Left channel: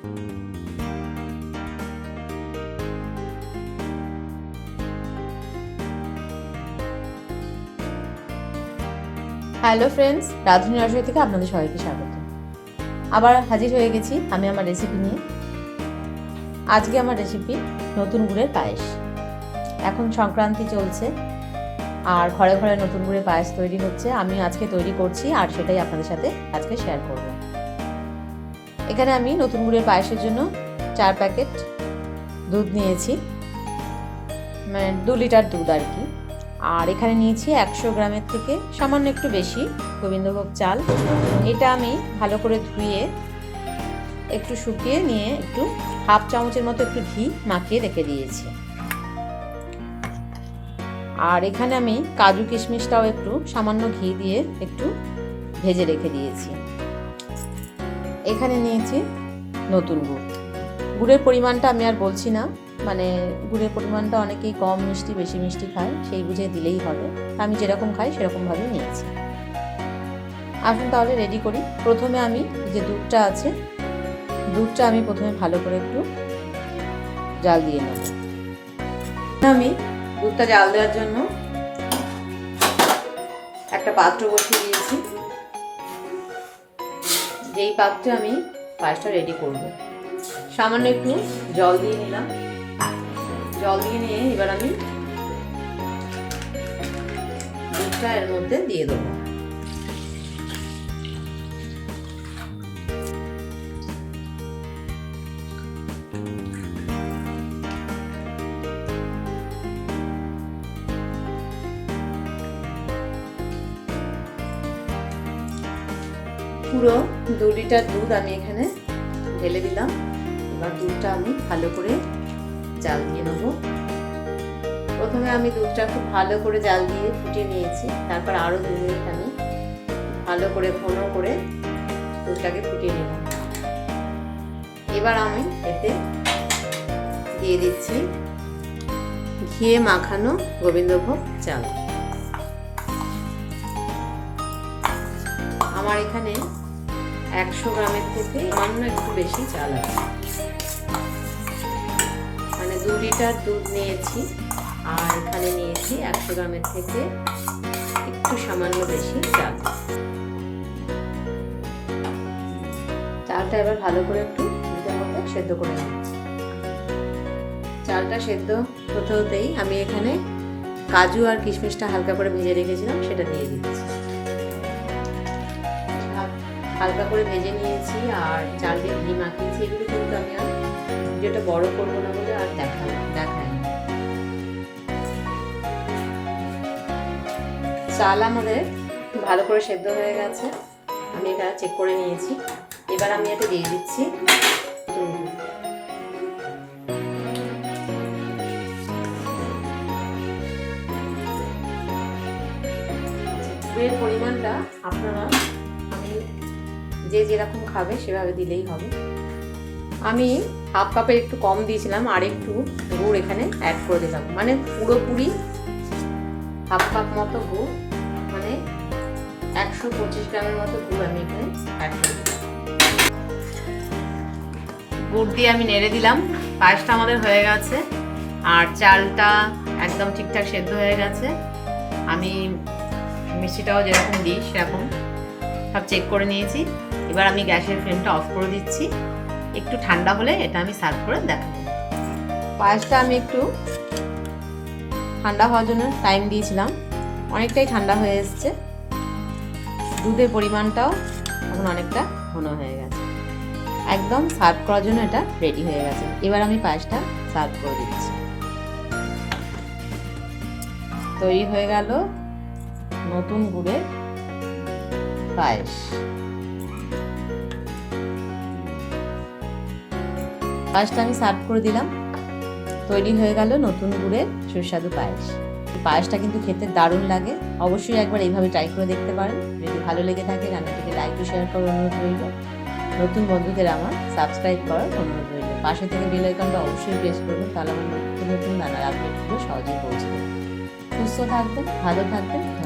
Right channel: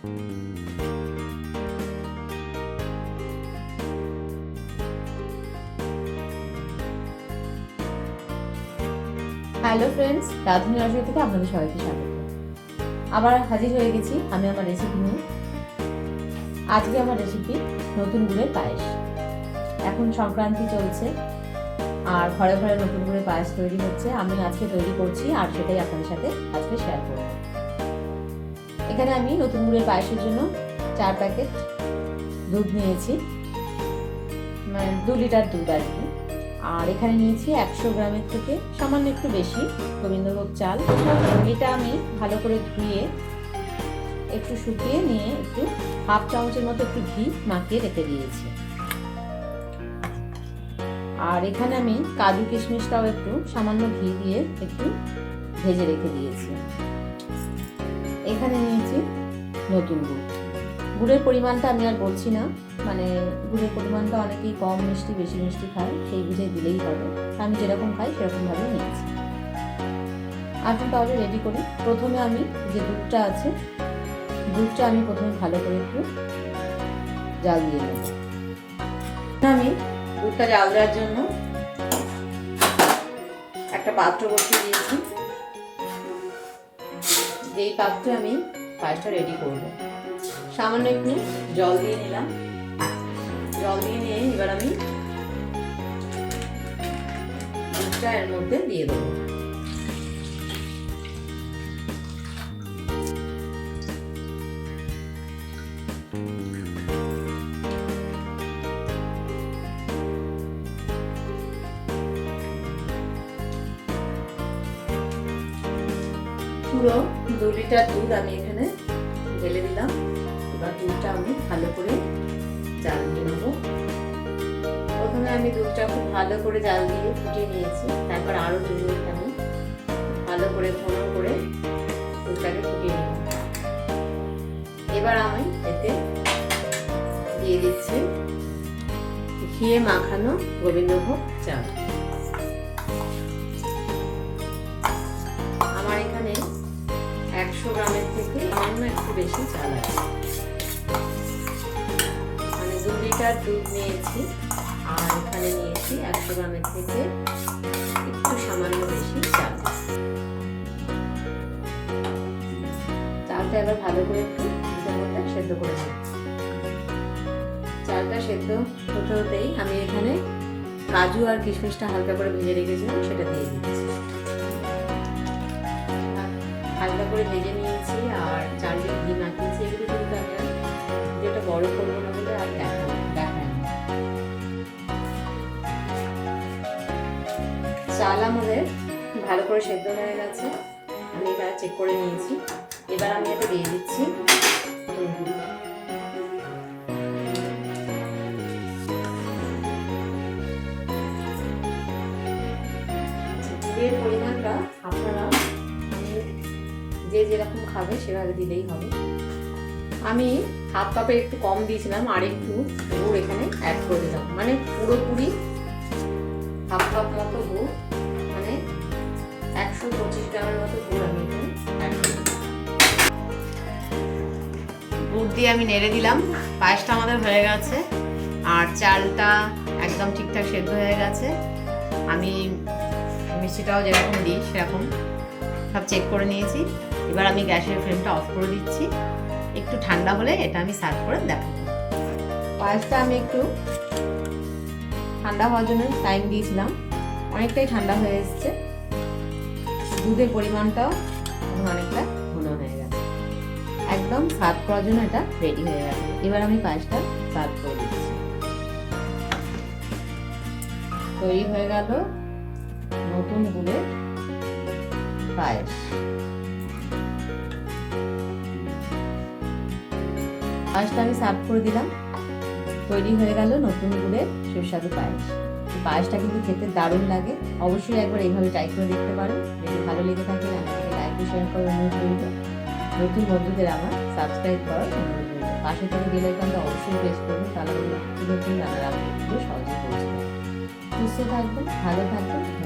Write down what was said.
Hello friends রাধুনি রাজুরি থেকে আপনাদের সবাইকে স্বাগত। আবার হাজির হয়ে গেছি আমি আমার রেসিপি নিয়ে। আজকে আমার রেসিপি নতুন গুড়ের পায়েস। এখন সংক্রান্তি চলছে, আর ঘরে ঘরে নতুন গুড়ের পায়েস তৈরি হচ্ছে। আমি আজকে তৈরি করছি, আর সেটাই আপনাদের সাথে আজকে শেয়ার করব। এখানে আমি নতুন গুড়ের পায়েসের জন্য চার প্যাকেট দুধ নিয়েছি মানে দু লিটার দুধ আর কি। আর এখানে নিয়েছি একশো গ্রামের থেকে সামান্য একটু বেশি গোবিন্দভোগ চাল। এটা আমি ভালো করে ধুয়ে একটু শুকিয়ে নিয়ে একটু হাফ চামচের মতো একটু ঘি মাখিয়ে রেখে দিয়েছি। আর এখানে আমি কাজু কিশমিশটাও একটু সামান্য ঘি দিয়ে একটু ভেজে রেখে দিয়েছি। এখানে নিয়েছি নতুন গুড়। গুড়ের পরিমাণটা আমি আর বলছি না মানে গুড়ের পরিমাণটা অনেকেই কম মিষ্টি, বেশি মিষ্টি খায়, সেই বুঝে দিলেই হবে। আমি যেরকম খাই সেরকমভাবে নিয়েছি। আসুন তাহলে রেডি করি। প্রথমে আমি যে দুধটা আছে, দুধটা আমি প্রথমে ভালো করে একটু জাল দিয়ে নেব। আমি দুধটা জাল দেওয়ার জন্য একটা পাত্র বসিয়ে দিয়েছি। যেই পাত্রে আমি পায়েসটা রেডি করব। সামান্য একটু জল দিয়ে নিলাম। জল দিয়ে নিয়ে এবার আমি দুধটা এর মধ্যে দিয়ে দেবো। পুরো দু লিটার দুধ আমি এখানে ঢেলে দিলাম। এবার দুধটা আমি ভালো করে জাল দিয়ে নেব। প্রথমে আমি দুধটা খুব ভালো করে জাল দিয়ে ফুটিয়ে নিয়েছি। তারপর আরও দু মিনিট আমি ভালো করে ঘন করে দুধটাকে ফুটিয়ে নিলাম। এবার আমি এতে দিয়ে দিচ্ছি ঘিয়ে মাখানো গোবিন্দভোগ চাল। একশো গ্রামের থেকে সামান্য একটু বেশি চাল আছে। মানে দু লিটার দুধ নিয়েছি, আর এখানে নিয়েছি একশো গ্রামের থেকে একটু সামান্য বেশি চাল। চালটা এবার ভালো করে একটু মধ্যে সেদ্ধ করে নিচ্ছি চালটা সেদ্ধ হতে হতেই আমি এখানে কাজু আর কিশমিশটা হালকা করে ভেজে রেখেছিলাম, সেটা দিয়ে দিচ্ছি। হালকা করে ভেজে নিয়েছি আর চাল দিয়ে ঘি মাখিয়েছি এগুলো কিন্তু আমি আর ভিডিওটা বড় করব না বলে আর দেখা দেখায় না। চাল আমাদের ভালো করে সেদ্ধ হয়ে গেছে। আমি এটা চেক করে নিয়েছি। এবার আমি এটা দিয়ে দিচ্ছি গুড়ের পরিমাণটা আপনারা যে যেরকম খাবে সেভাবে দিলেই হবে। আমি হাফ কাপের একটু কম দিয়েছিলাম, আর একটু গুড় এখানে অ্যাড করে দিলাম। মানে পুরোপুরি হাফ কাপ মতো গুড় মানে একশো পঁচিশ গ্রামের মতো গুড় আমি এখানে অ্যাড করে দিলাম। গুড় দিয়ে আমি নেড়ে দিলাম। পায়েসটা আমাদের হয়ে গেছে, আর চালটা একদম ঠিকঠাক সেদ্ধ হয়ে গেছে। আমি মিষ্টিটাও যেরকম দিই সেরকম সব চেক করে নিয়েছি। এবার আমি গ্যাসের ফ্লেমটা অফ করে দিচ্ছি। একটু ঠান্ডা হলে এটা আমি সার্ভ করে দেখাবো। পায়েসটা আমি একটু ঠান্ডা হওয়ার জন্য টাইম দিয়েছিলাম। অনেকটাই ঠান্ডা হয়ে এসছে। দুধের পরিমাণটাও এখন অনেকটা ঘন হয়ে গেছে। একদম সার্ভ করার জন্য এটা রেডি হয়ে গেছে। এবার আমি পায়েসটা সার্ভ করে দিচ্ছি। তৈরি হয়ে গেল নতুন গুড়ের পায়েস পায়েসটা আমি সার্ভ করে দিলাম। তৈরি হয়ে গেল নতুন গুড়ের সুস্বাদু পায়েস। পায়েসটা কিন্তু খেতে দারুণ লাগে। অবশ্যই একবার এইভাবে ট্রাই করে দেখতে পারেন। যদি ভালো লেগে থাকে রান্নাটিকে লাইক শেয়ার করার অনুরোধ রইল। নতুন বন্ধুদের আমার সাবস্ক্রাইব করার অনুরোধ রইল। পাশে থেকে বেল আইকনটা অবশ্যই প্রেস করবেন তাহলে আমার নতুন নতুন রান্নার আপডেটগুলো সহজেই পৌঁছবে সুস্থ থাকবেন, ভালো থাকবেন।